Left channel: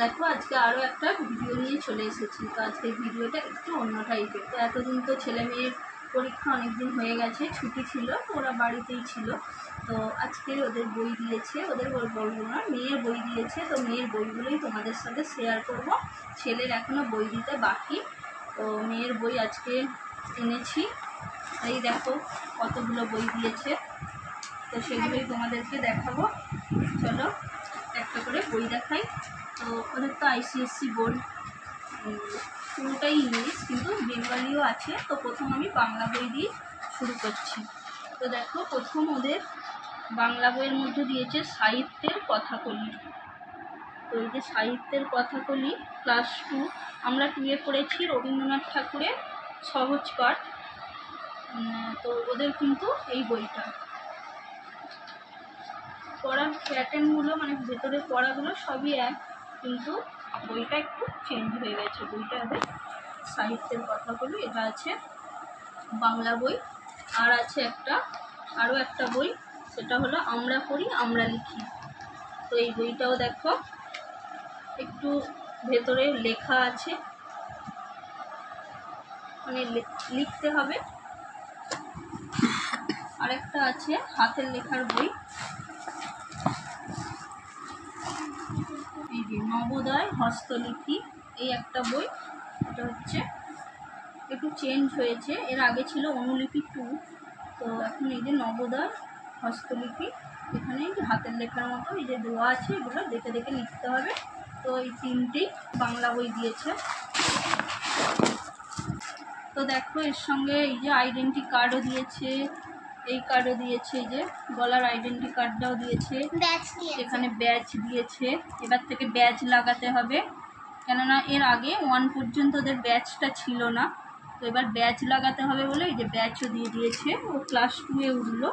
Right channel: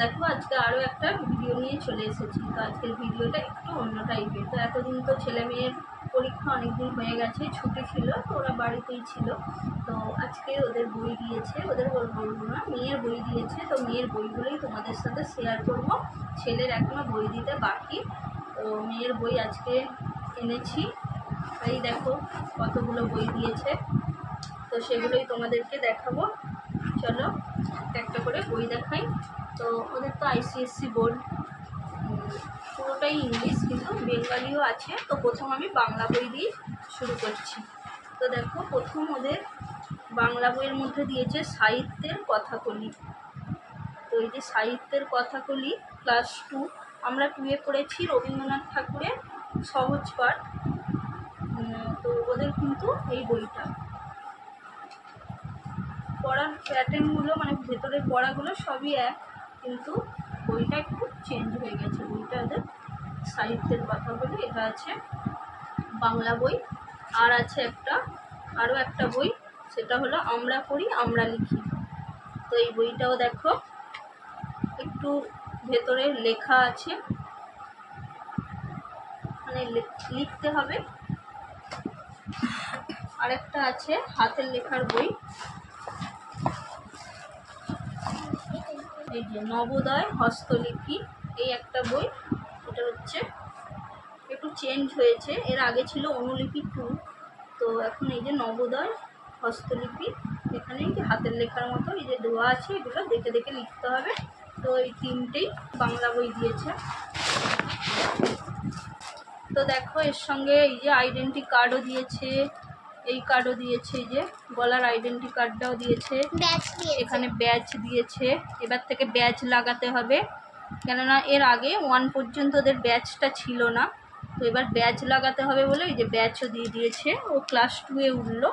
देखो आज के आरो एक भिडियो नहीं चले एसेছি। तो आज के भिडियोটা একটু অন্য টাইপের। তো এতদিন তো ছেলে মেয়ের পরীক্ষা অনেক দিন হয়ে গেছে, ছুটি ছিল, তো ওরা বাড়িতেই ছিল। তো আজকে ওদের বই দিয়েছে, ওদের বলবো না, মেয়ের বই দিয়েছে। তো মেয়ের বইগুলোই তোমাদের সাথে শেয়ার করব। ছেলের এখনো বই দিতে বাকি। তো মেয়ের বই আজকে এনেছি, এই দেখো কতগুলো বই দিয়েছে। তো সেগুলোই তোমাদেরকে দেখাবো। চলো একটা করে বই দেখাই। তো ওদের তো আইসিএসসি বোর্ড, পুরোটাই ইংলিশ, কিন্তু বেঙ্গলিও আছে। তো প্রথম আমি বাংলা বই দিয়ে শুরু করছি। তো দেখো প্রথম ওদের বাংলা বইয়ের মধ্যে দিয়েছে সাহিত্যের কথাকলি। তো এই যে সাহিত্যের কথাকলি ক্লাস 2, আমরা 2-এ পড়েছি রবীন্দ্রনাথ ঠাকুরের সহজ পাঠ। তো ওদের কিন্তু এই বইটা পড়ার প্যাটার্নগুলো, মানে ভেতরের পড়াগুলো সবই এক, কিন্তু বইটা একটু চেঞ্জ হয়ে গেছে। বইটা ওদের সাহিত্যের কথাগুলো, এটা আছে বাংলা বই। আর আছে আরও একটা বই, সেটা হলো আমরা পড়ি আমরা লিখি। তো এই বইটাও দেখো একটু ভেতরে লেখা আছে, মানে লিখতে হবে। আরেকটা আছে হাতের লেখার বই, এই যে নবোদয় হস্তলিপি, এই একটা বই। এটা হচ্ছে একটু চেঞ্জ হয়েছে, এর আগে ছিল অনুলিপি 2, তো এখন এই যে নবোদয় হস্তলিপি, এখানে হাতের লেখার মতো এই যে দেওয়া আছে, এগুলো দেখে দেখে লিখতে হবে। তো এই 3টেই বাংলা বই দিয়েছে। তো দেখো এর সঙ্গে এই যে আইডেন্টি কার্ডও দিয়েছে, এই কার্ডও দিয়েছে, এই যে গলার আইডেন্টি কার্ডটাও দিয়েছে, এখানে ব্যাচ দিয়েছে। এবার থেকে ব্যাচ লাগাতে হবে, কেননা এর আগে 1 পর্যন্ত ওদের ব্যাচটা ছিল না। তো এবার ব্যাচ লাগাতে হবে বলে এই যে ব্যাচও দিয়ে দিয়েছে। ও ক্লাস 2-এ উঠলো।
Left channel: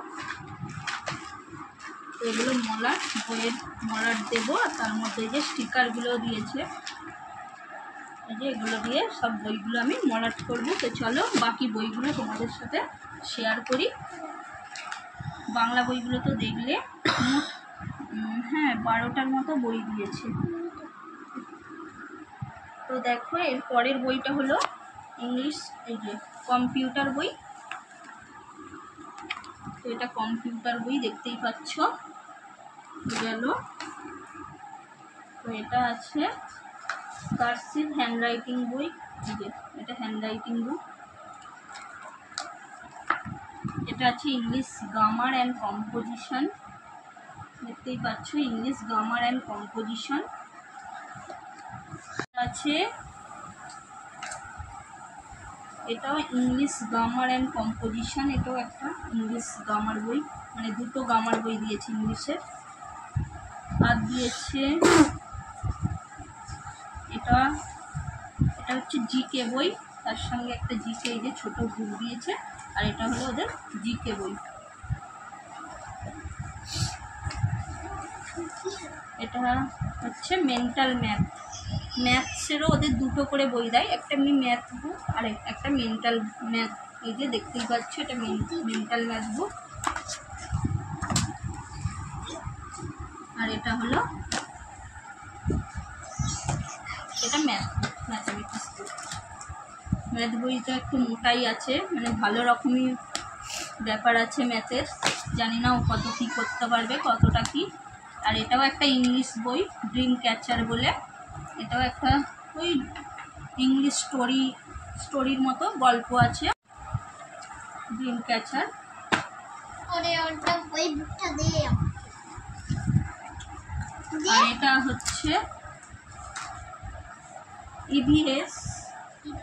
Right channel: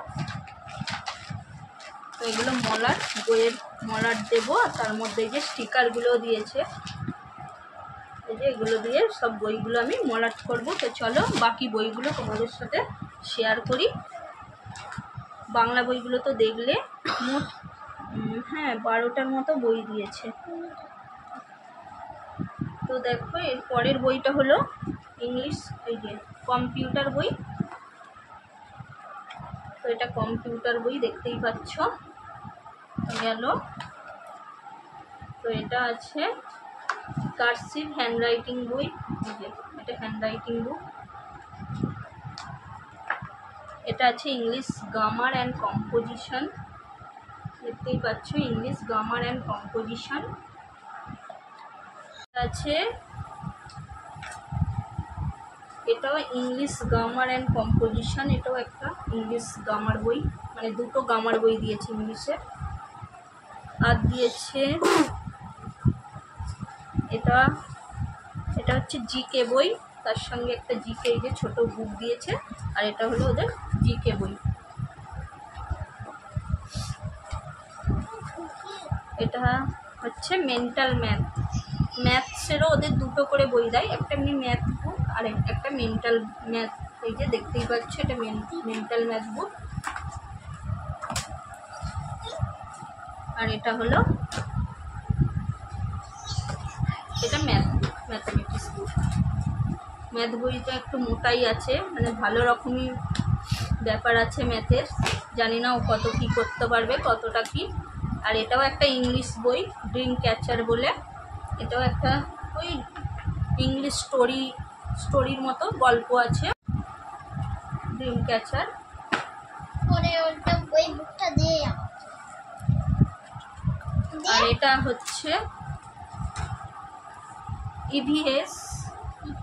তো এগুলো মলার, বইয়ের মলার দেবো। আর তার মধ্যে এই যে স্টিকারগুলোও দিয়েছে, এই যে এগুলো দিয়ে সব বইগুলো আমি মলাট করবো। তো চলো বাকি বইগুলো তোমাদের সাথে শেয়ার করি। বাংলা বইগুলো তো দেখলে হ্যাঁ 12টার মতো বই দিয়েছে। তো দেখো এর পরের বইটা হলো ইংলিশ, এই যে কম্পিউটার বই। তো এটা কম্পিউটার বই, দেখতেই পাচ্ছ গেল। তো এটা আছে কার্সিভ হ্যান্ডরাইটিং বই, এই যে এটা হ্যান্ডরাইটিং বুক। এটা আছে ইংলিশ গ্রামার অ্যান্ড কম্পোজিশন, দেখতেই পাচ্ছ ইংলিশ গ্রামার অ্যান্ড কম্পোজিশন আছে। এটাও ইংলিশ গ্রামার অ্যান্ড কম্পোজিশন, এটাও একটা ইংলিশ গ্রামার বই, মানে দুটো গ্রামার বই দিয়েছে ইংলিশের। আর দিয়েছে এটা হচ্ছে জিকে বই, তার সঙ্গে একটা জিকে এই যে ছোট বুক দিয়েছে। আর এটা হলো ওদের জিকে বই। এটা হচ্ছে মেন্টাল ম্যাথসেরও ওদের দুটো করে বই দেয়, একটা এমনি ম্যাথ বুক আর একটা মেন্টাল ম্যাথ। এই যে দেখতেই পাচ্ছ এটা মেন্টাল ম্যাথ বুক। আর এটা হলো এটা ম্যাথমেটিক্স বুক। ম্যাথ বইটা একটু মোটাই আছে, মানে ভালো রকমই ব্যাপার আছে ম্যাথের, জানি না ও কত কী করতে পারবে, কতটা কি। আর এটাও একটা ইংলিশ বই, ড্রিম ক্যাচার বলে। এটাও একটা ওই ইংলিশ স্টোরির মতো গল্প আছে, ড্রিম ক্যাচার। আর এটা হচ্ছে EVS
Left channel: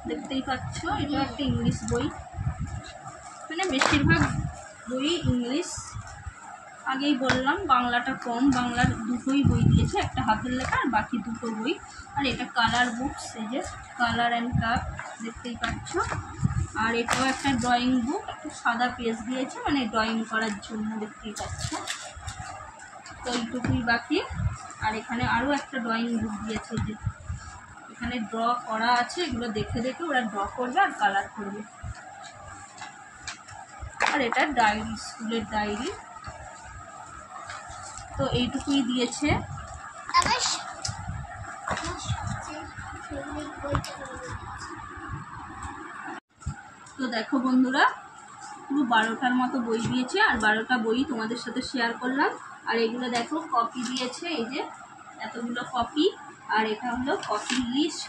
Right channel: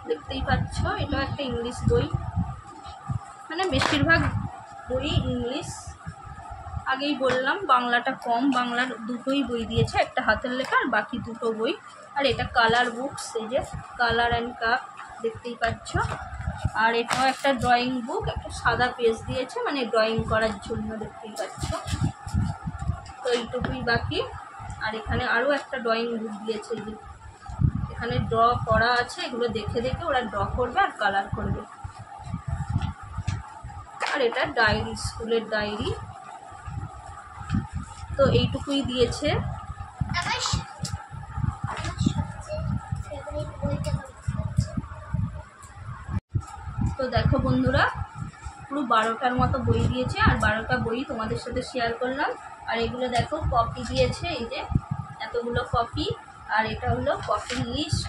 দেখতেই পাচ্ছ, এটা একটা ইংলিশ বই, মানে বেশিরভাগ বই ইংলিশ। আগেই বললাম বাংলাটা কম, বাংলার দুটোই বই দিয়েছে, একটা হাতের লেখা আর বাকি দুটো বই। আর এটা কালার বুকস, এই যে কালার অ্যান্ড কাপ দেখতেই পাচ্ছ। আর এটাও একটা ড্রয়িং বুক, একটা সাদা পেজ দিয়েছে মানে ড্রয়িং করার জন্য, দেখতেই পাচ্ছ। তো এইটুকুই বাকি। আর এখানে আরও একটা ড্রয়িং বুক দিয়েছে, যে এখানে ড্র করা আছে, এগুলো দেখে দেখে ওরা ড্র করবে আর কালার করবে। আর এটা ডায়েরি, স্কুলের ডায়েরি। তো এইটুকুই দিয়েছে। তো দেখো বন্ধুরা, পুরো 12টার মতো বই দিয়েছে, আর 12টা বই তোমাদের সাথে শেয়ার করলাম। আর এগুলো দেখো কপি দিয়েছে, এই যে এতগুলো কপি। আর এটা হলো কপির লিস্ট,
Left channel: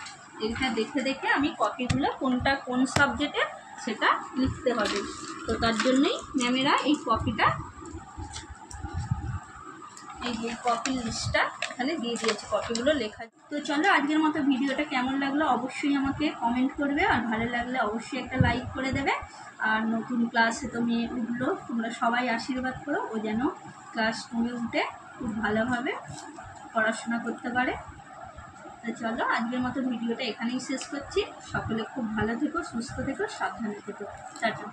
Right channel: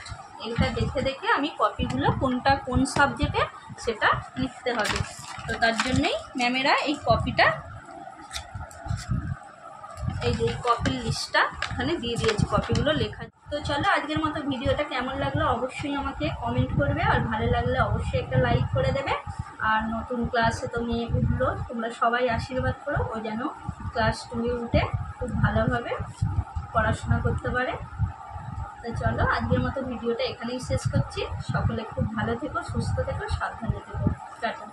এটা দেখে দেখে আমি কপিগুলো কোনটা কোন সাবজেক্টে সেটা লিখতে হবে। তো তার জন্যই ম্যামেরা এই কপিটা, এই যে কপির লিস্টটা এখানে দিয়ে দিয়েছে, কপিগুলো লেখা। তো চলো আজকের মতো ভিডিওটা কেমন লাগলো অবশ্যই আমাকে কমেন্ট করবে, আর ভালো লাগলে অবশ্যই একটা লাইক করে দেবে। আর নতুন ক্লাসে তো মেয়ে উঠলো, তোমরা সবাই আশীর্বাদ করো ও যেন ক্লাস 2-এ উঠে খুব ভালোভাবে পড়াশোনা করতে পারে। তো চলো আজকের মতো ভিডিওটা এখানেই শেষ করছি। সকলে খুব ভালো থেকো, সুস্থ থেকো, সাবধানে থেকো। টাটা।